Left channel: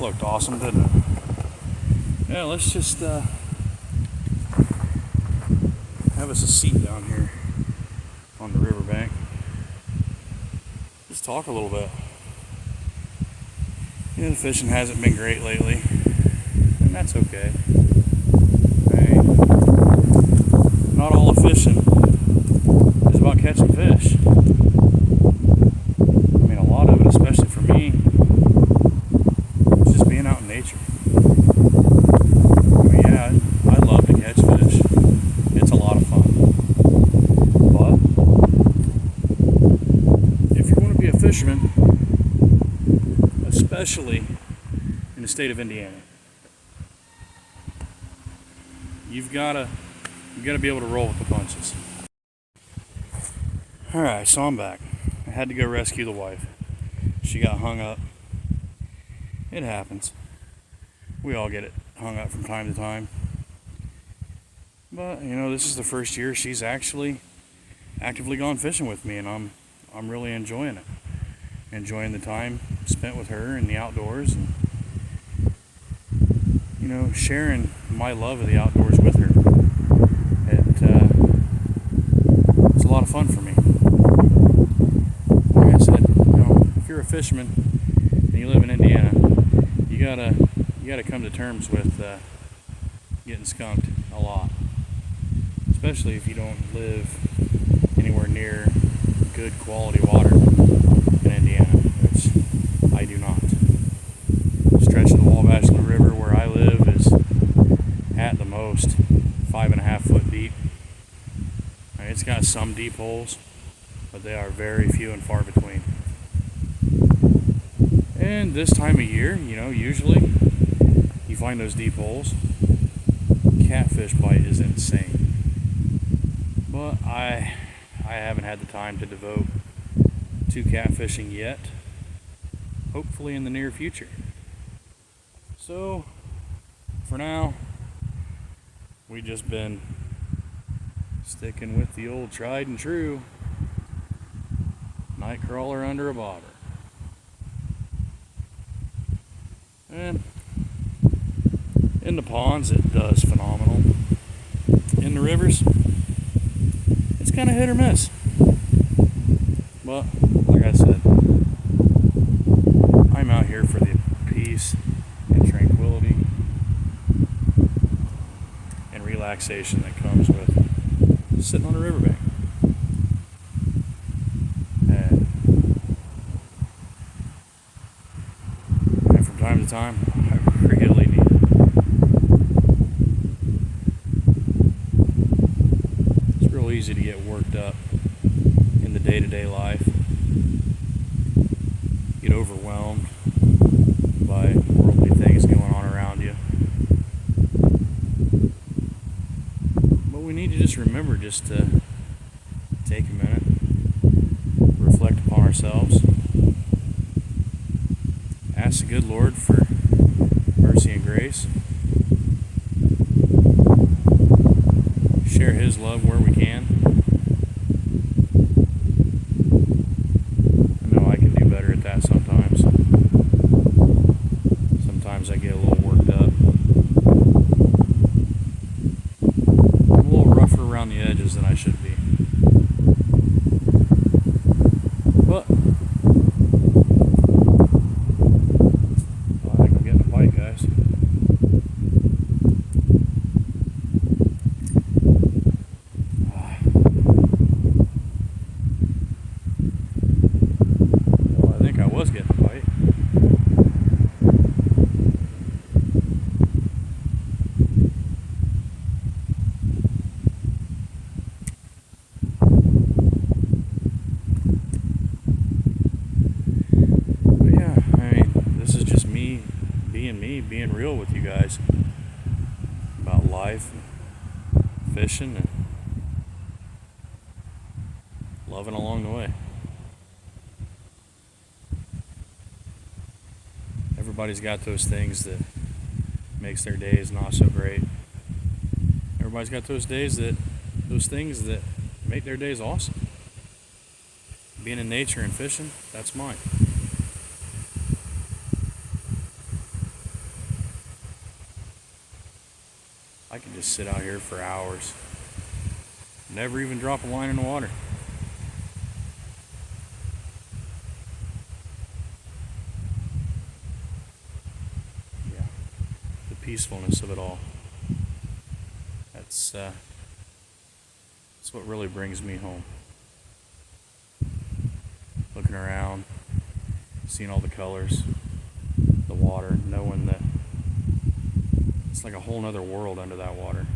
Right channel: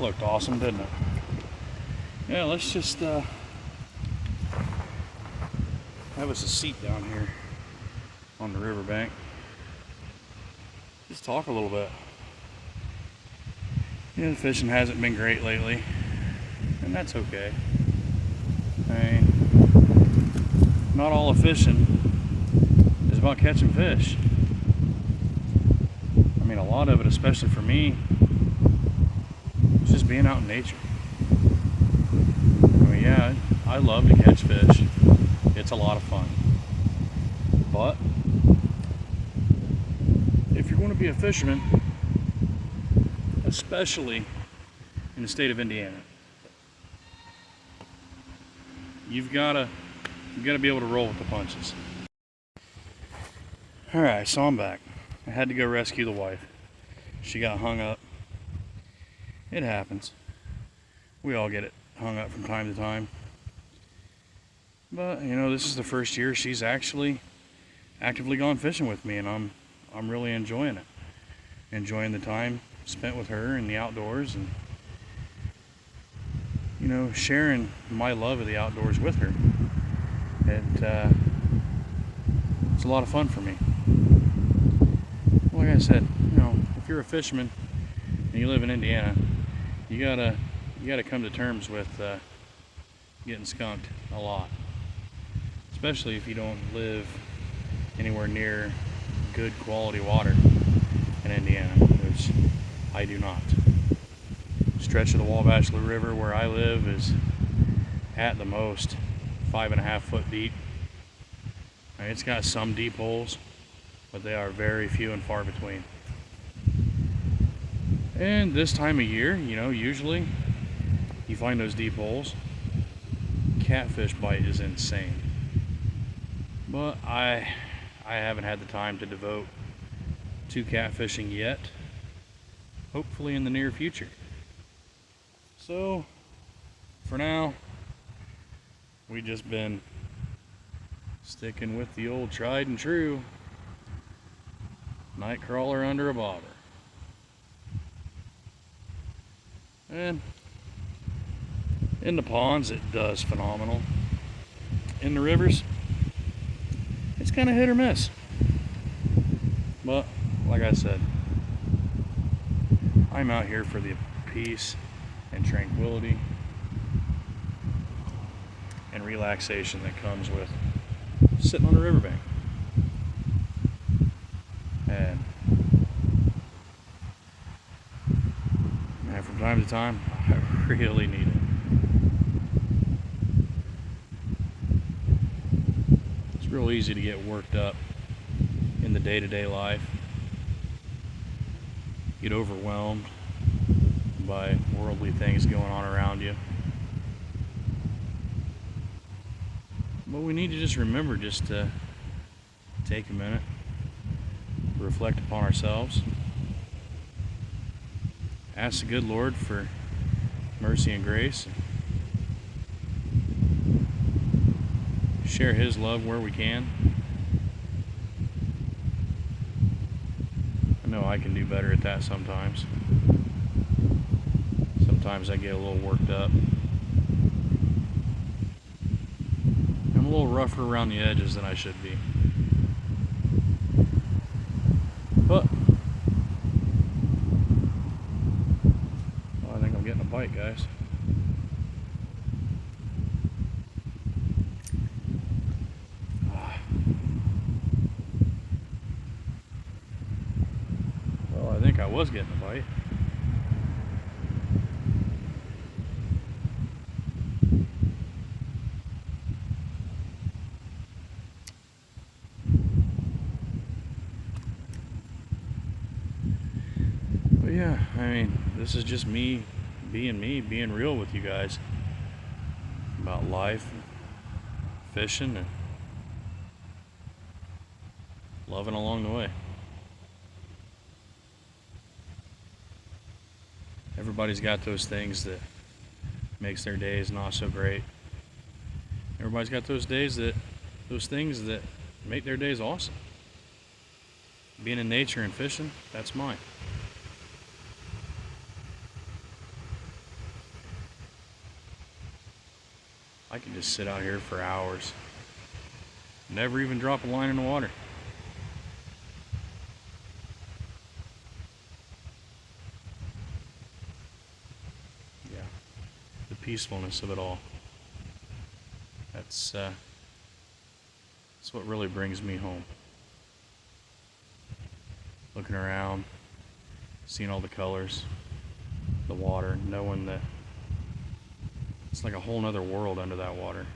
That looked awesome, didn't it? Yeah, let's just have us a seat down here on the riverbank. Just talk a little bit. You know, the fishing hasn't been great lately, and that's okay. I mean, not all of fishing is about catching fish. I mean, a lot of it, especially for me, is just being out in nature. I mean, yeah, I love to catch fish. It's a lot of fun. But if you're going to be a fisherman, especially in the state of Indiana, you've got to be able to roll with the punches. All right, so I'm back. I had to go rescue the wife. She got hung up. It happens. We all get it hung up from time to time. But you know, this is the first year she's actually actively gone fishing with me, and I'm really enjoying it. Enjoying the time spent with her in the outdoors, and you know, sharing my love of the outdoors with her. It's a lot of fun for me. Like I said, you know, if you're a fisherman and you live in Indiana, you gotta come to terms with getting skunked a lot, especially if you don't live anywhere near good quality water in Indiana, which I do not. The stretch of the Wabash River where I live is at the most 5.5 foot deep. I mean, it's got some deep holes, but they are very few and far between. And this time of year, you know, usually you find those deep holes. Catfish bite is insane. But I haven't had the time to devote to catfishing yet. Hopefully in the near future. So, for now, we just been sticking with the old tried and true night crawler under a bobber. And in the ponds, it does phenomenal. In the rivers, it's kind of hit or miss. But, like I said, I'm out here for the peace and tranquility and relaxation that comes with sitting on a riverbank. And from time to time, I really need it. It's real easy to get worked up in the day-to-day life, get overwhelmed by worldly things going on around you. But we need to just remember just to take a minute, reflect upon ourselves, ask the good Lord for mercy and grace, share His love where we can. I know I can do better at that sometimes. Sometimes I get a little worked up. I'm a little rougher around the edges than I should be. But I think I'm getting a bite, guys. Well, I think I was getting a bite. This is just me, being real with you guys about life, and fishing, and loving along the way. Everybody's got those things that makes their days not so great. Everybody's got those things that make their days awesome. Being in nature and fishing, that's mine. I could just sit out here for hours. Never even drop a line in the water. Yeah, the peacefulness of it all. That's what really brings me home. Looking around, seeing all the colors, the water, knowing that it's like a whole nother world under that water.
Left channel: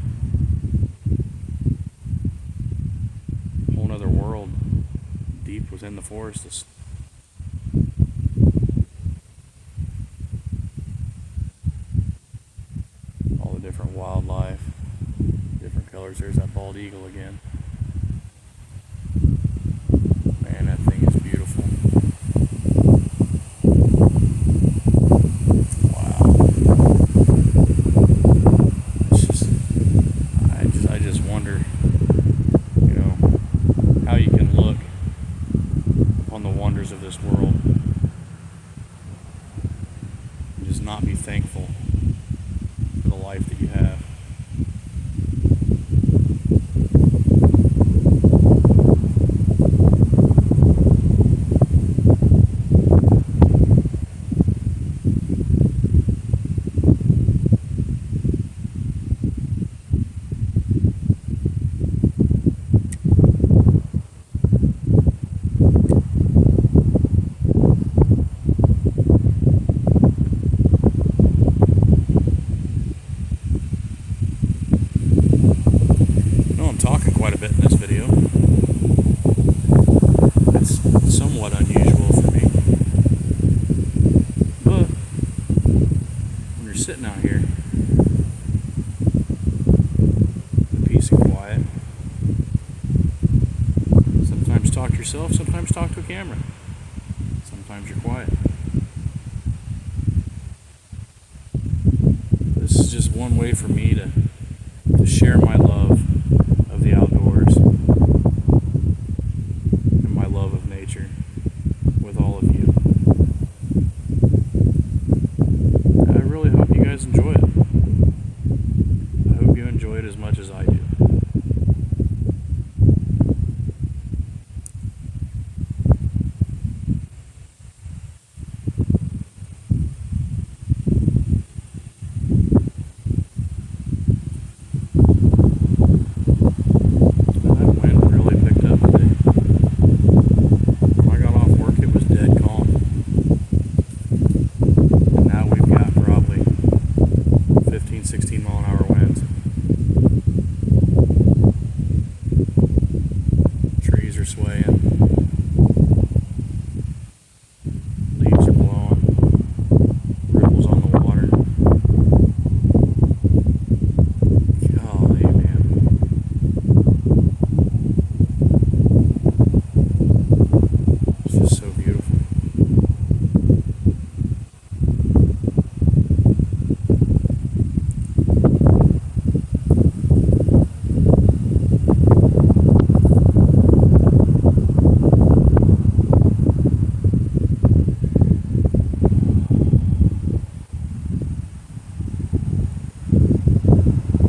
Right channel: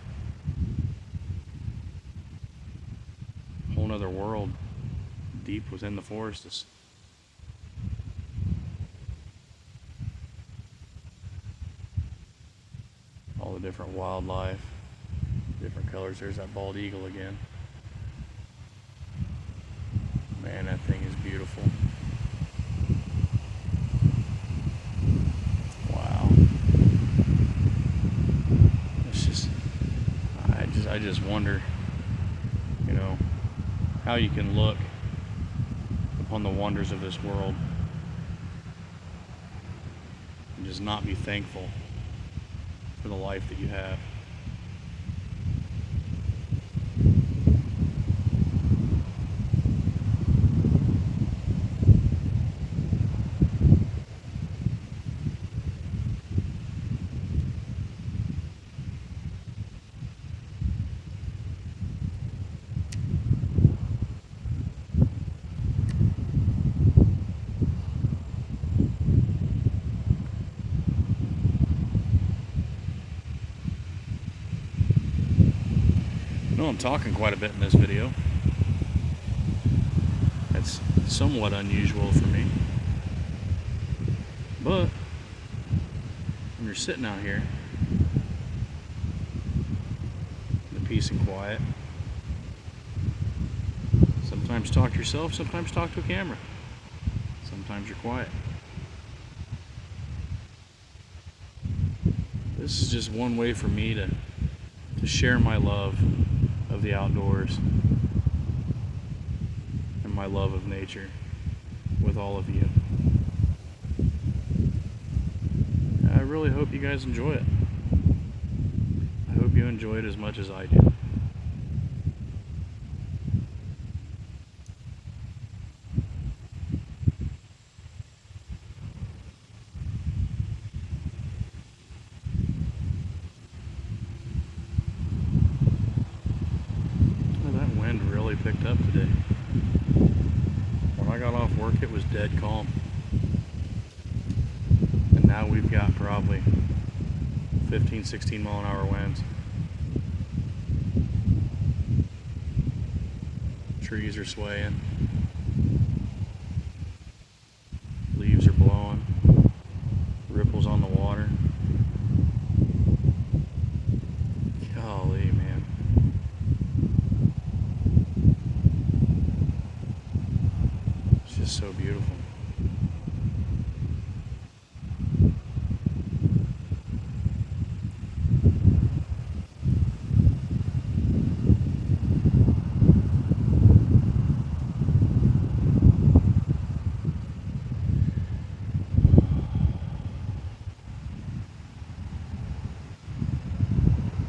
A whole nother world deep within the forest is all the different wildlife, different colors. There's that bald eagle again. Man, that thing is beautiful. Wow. I just wonder, how you can look upon the wonders of this world and just not be thankful for the life that you have. I'm talking quite a bit in this video. It's somewhat unusual for me. But when you're sitting out here in the peace and quiet, sometimes talk to yourself, sometimes talk to a camera. Sometimes you're quiet. This is just one way for me to share my love of the outdoors and my love of nature with all of you. I really hope you guys enjoy it. I hope you enjoy it as much as I do. Dead calm, and now we've got probably 15-16 mile an hour winds. Trees are swaying, leaves are blowing, ripples on the water. Golly, man. It's just so beautiful.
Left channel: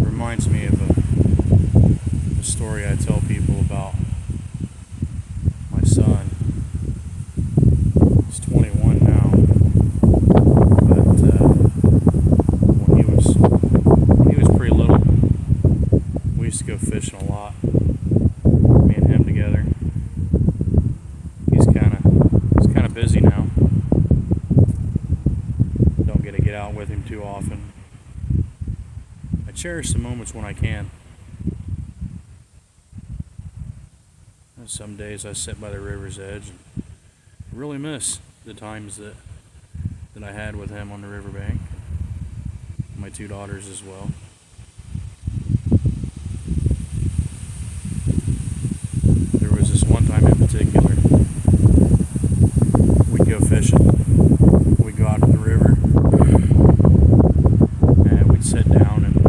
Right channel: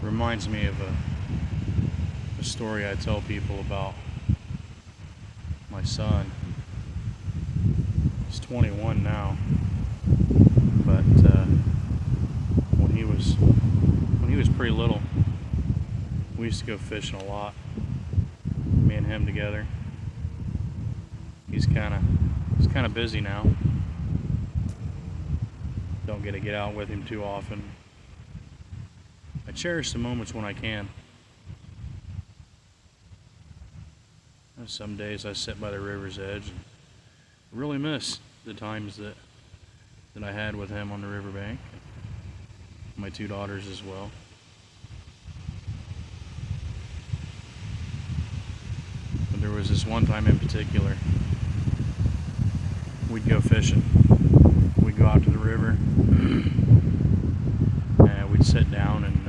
Reminds me of a story I tell people about my son. He's 21 now, but when he was pretty little, we used to go fishing a lot. Me and him together. He's kind of busy now. Don't get to get out with him too often. I cherish the moments when I can. Some days I sit by the river's edge and really miss the times that I had with him on the riverbank. My two daughters as well. There was this one time in particular, we'd go fishing. We'd go out to the river and we'd sit down and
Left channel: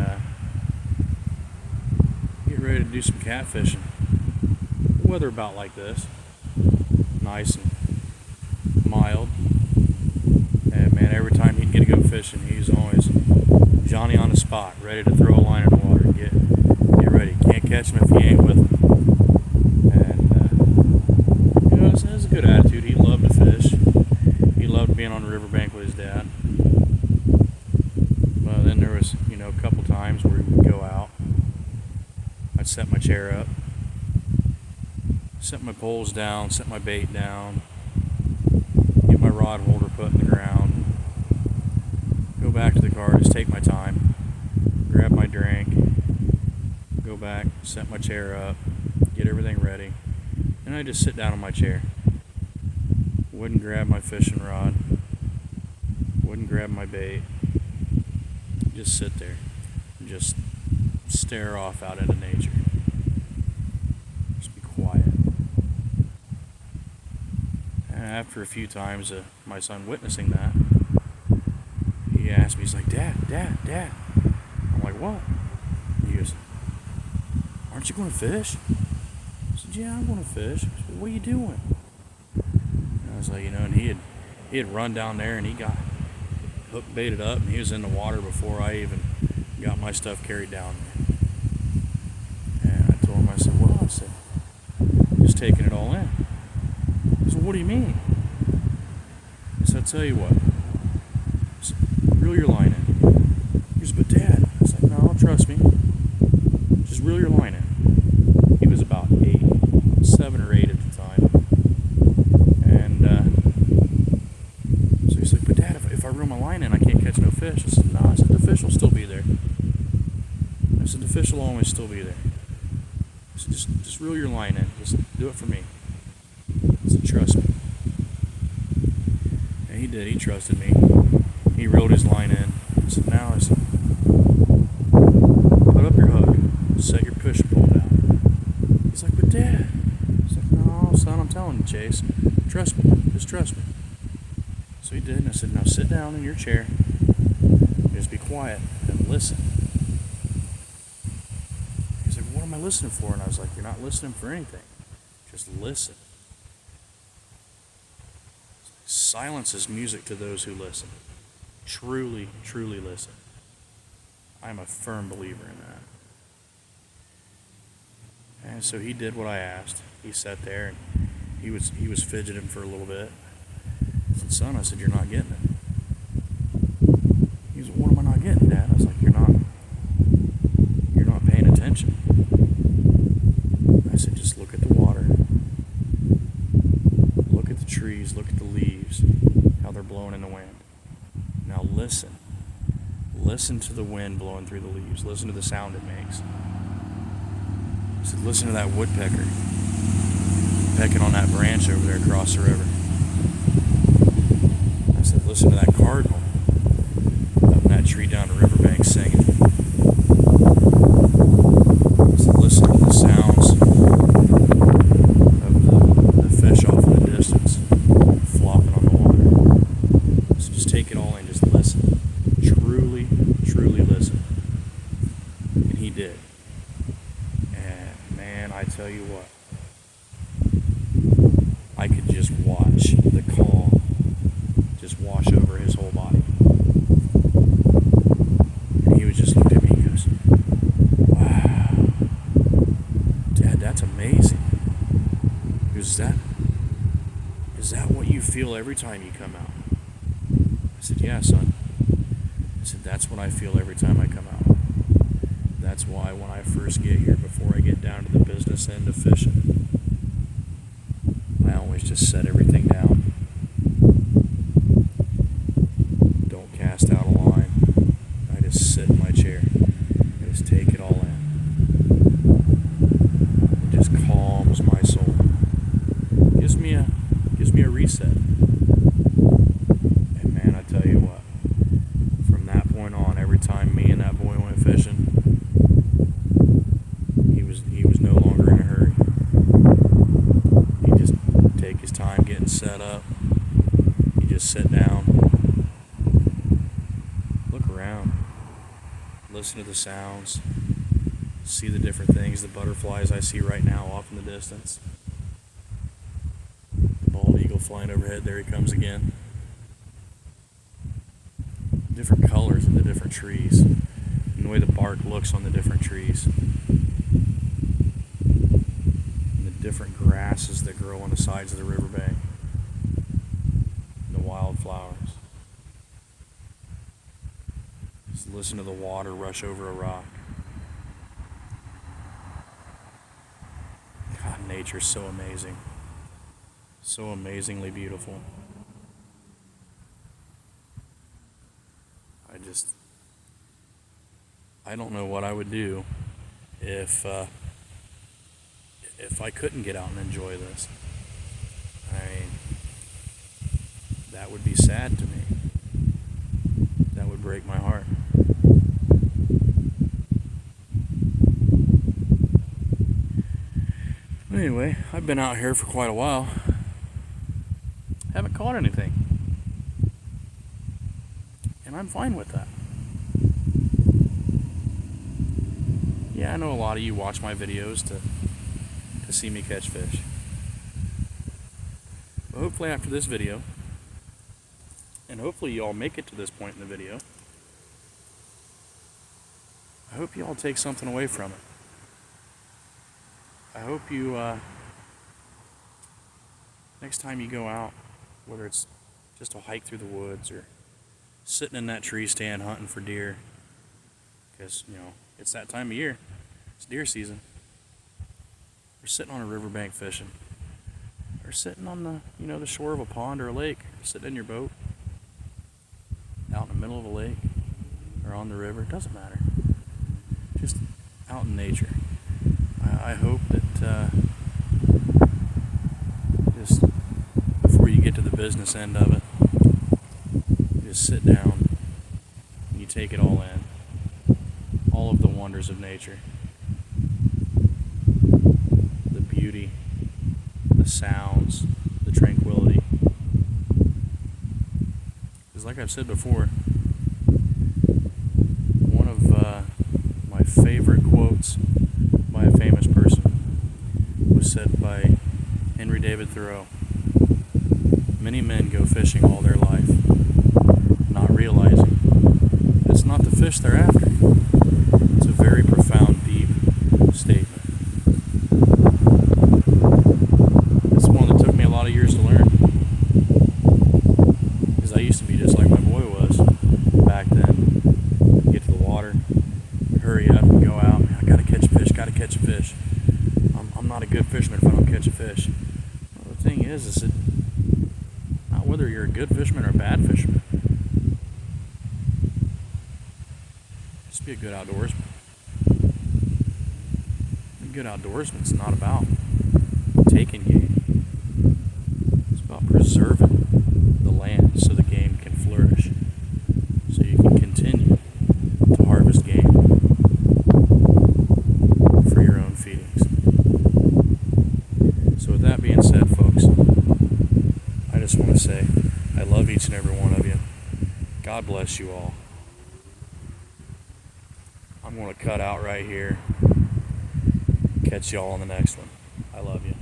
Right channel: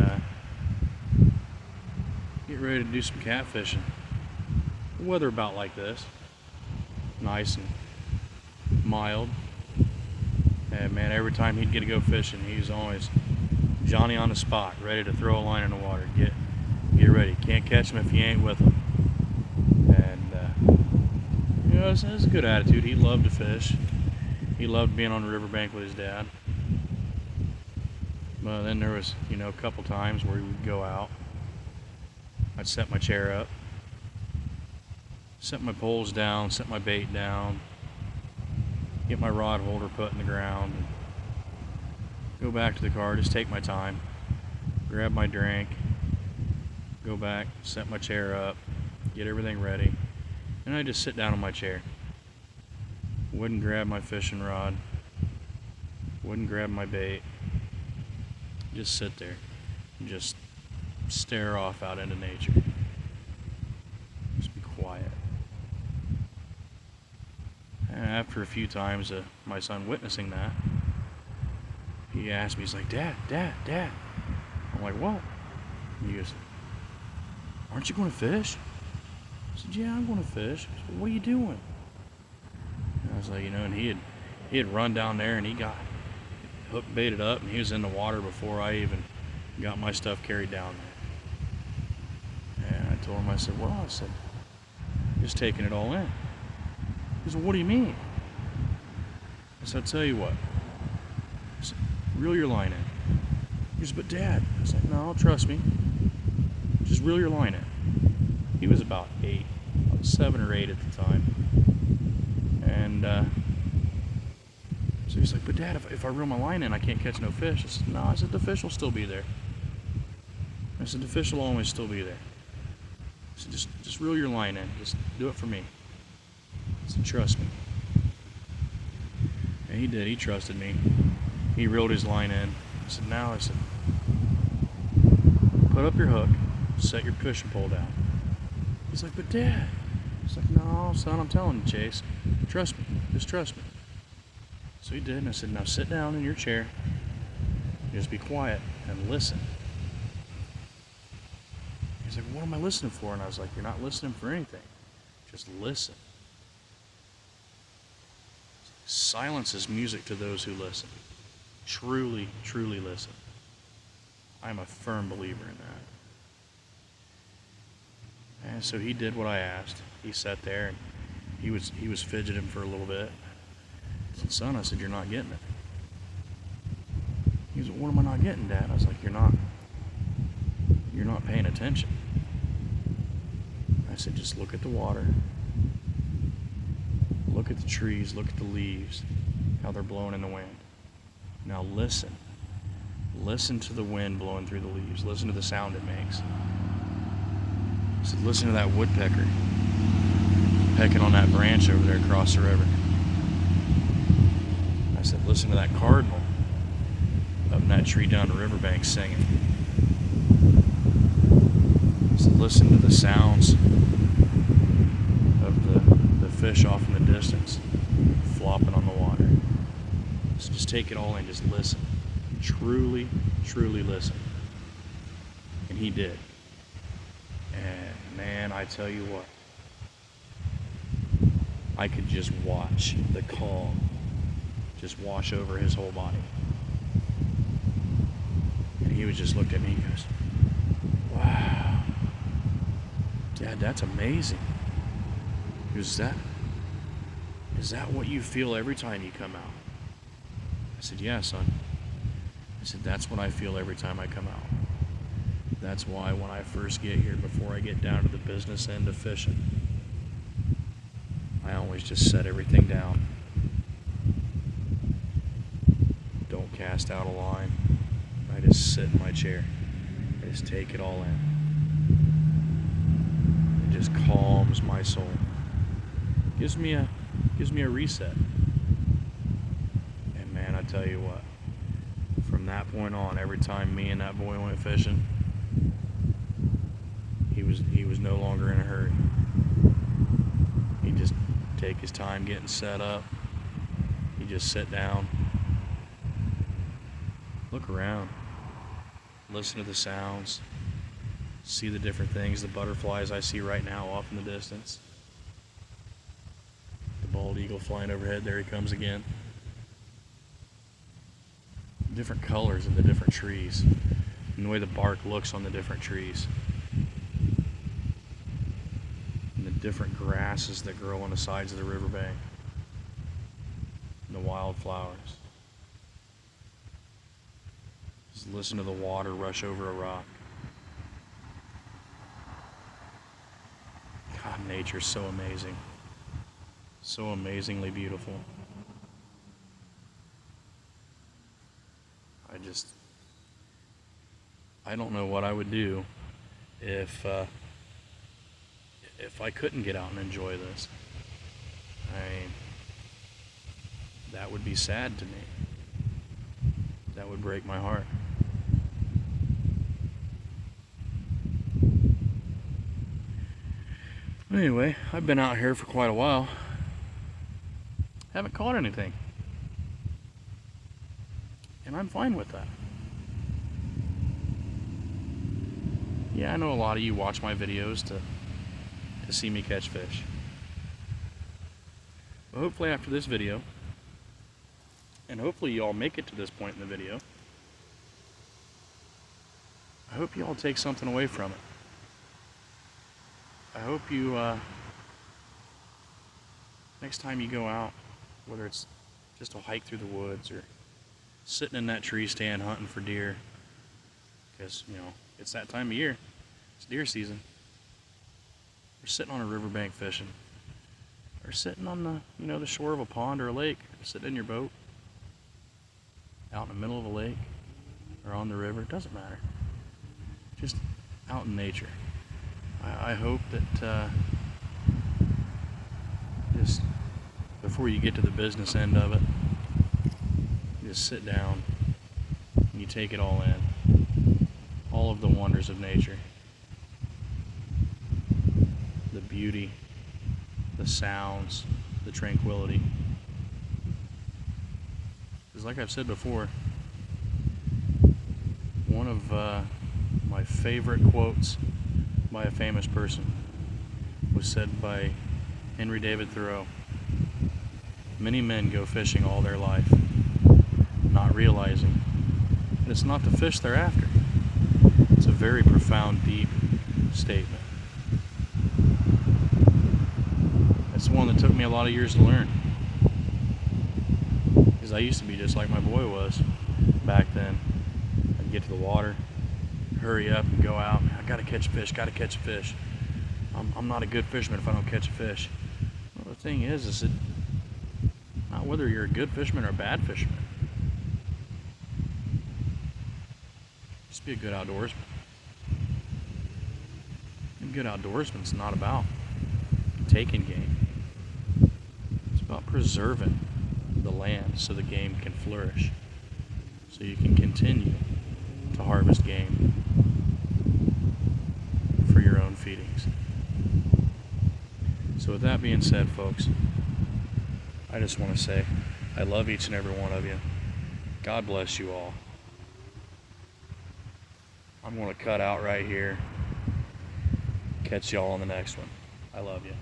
get ready to do some catfishing. Weather about like this, nice and mild, and man, And every time he'd get to go fishing, he was always Johnny on the spot, ready to throw a line in the water. Get ready. Can't catch him if you ain't with him. And you know, it was a good attitude. He loved to fish. He loved being on the riverbank with his dad. But then there was, you know, a couple times where he would go out. I'd set my chair up, set my poles down, set my bait down, get my rod holder put in the ground, go back to the car, just take my time, grab my drink, go back, set my chair up, get everything ready, and I just sit down on my chair. Wouldn't grab my fishing rod, wouldn't grab my bait, just sit there and just stare off out into nature. Just be quiet. And after a few times my son witnessing that, he asked me, he's like, Dad. I'm like, what? He goes, aren't you going to fish? I said, yeah, I'm going to fish. He goes, well, what are you doing? And I was like, you know, and he had run down there and he got hook baited up and he was in the water before I even got my stuff carried down there. And I told him, I said, well, just taking it all in. He said, what do you mean? I said, I'll tell you what. I said, reel your line in. He said, but Dad. I said, no, trust me. Just reel your line in. He was about 8, about 7 or 8 at the time. And so he's like, but Dad, if I reel my line in, I can't catch no fish. I said, no. I said, the fish will still be there. I said, the fish will always still be there. I said, just reel your line in. Just do it for me. I said, trust me. And he did. He trusted me. He reeled his line in. I said, now, put up your hook. Set your fishing pole down. He's like, but Dad. He's like, no, son, I'm telling you, Chase. Trust me. Just trust me. So he did. And I said, now sit down in your chair. Just be quiet and listen. He's like, what am I listening for? And I was like, you're not listening for anything. Just listen. Silence is music to those who listen. Truly, truly listen. I'm a firm believer in that. And so he did what I asked. He sat there and he was fidgeting for a little bit. I said, son, I said, you're not getting it. He was like, what am I not getting, Dad? I was like, you're not paying attention. I said, just look at the water. Look at the trees, look at the leaves, how they're blowing in the wind. Now listen. Listen to the wind blowing through the leaves. Listen to the sound it makes. I said, listen to that woodpecker pecking on that branch over there across the river. I said, listen to that cardinal up in that tree down the riverbank singing. I said, listen to the sounds of the fish off in the distance flopping on the water. So just take it all in, just listen. Truly, truly listen. And he did. And man, I tell you what, I could just watch the calm just wash over his whole body. And he would just look at me and goes, wow, Dad, that's amazing. He goes, is that what you feel every time you come out? I said, yeah, son. I said, that's what I feel every time I come out. That's why when I first get here, before I get down to the business end of fishing, I always just set everything down. Don't cast out a line. I just sit in my chair. I just take it all in. It just calms my soul. Gives me a reset. And man, I tell you what, from that point on, every time me and that boy went fishing, he was no longer in a hurry. He'd just take his time getting set up. He'd just sit down, look around, listen to the sounds, see the different things, the butterflies I see right now off in the distance. The bald eagle flying overhead, there he comes again. different colors in the different trees, and the way the bark looks on the different trees, and the different grasses that grow on the sides of the riverbank, and the wildflowers. Just listen to the water rush over a rock. God, nature's so amazing. So amazingly beautiful. I don't know what I would do if I couldn't get out and enjoy this. I mean, that would be sad to me. That would break my heart. Anyway, I've been out here for quite a while. Haven't caught anything. And I'm fine with that. Yeah, I know a lot of you watch my videos to see me catch fish. But hopefully after this video, and hopefully you all make it to this point in the video, I hope you all take something away from it. I hope you, next time you go out, whether it's just a hike through the woods or sitting in that tree stand hunting for deer, because, you know, it's that time of year. It's deer season. Or sitting on a riverbank fishing. Or sitting on the, you know, the shore of a pond or a lake. Or sitting in your boat. Out in the middle of a lake. Or on the river. It doesn't matter. Just out in nature. I hope that just before you get to the business end of it, you just sit down and you take it all in. All of the wonders of nature. The beauty, the sounds, the tranquility. Because like I've said before, one of my favorite quotes by a famous person was said by Henry David Thoreau. Many men go fishing all their life, not realizing that it's not the fish they're after. It's a very profound, deep statement. It's one that took me a lot of years to learn. Because I used to be just like my boy was back then. I'd get to the water, hurry up and go out. I gotta catch a fish, gotta catch a fish. I'm not a good fisherman if I don't catch a fish. Well, the thing is that not whether you're a good fisherman or a bad fisherman. Just be a good outdoorsman. A good outdoorsman's not about taking game. It's about preserving the land so the game can flourish. So you can continue to harvest game for your own feedings. So with that being said, folks, I just want to say I love each and every one of you. God bless you all. I'm going to cut out right here. Catch y'all on the next one. I love you.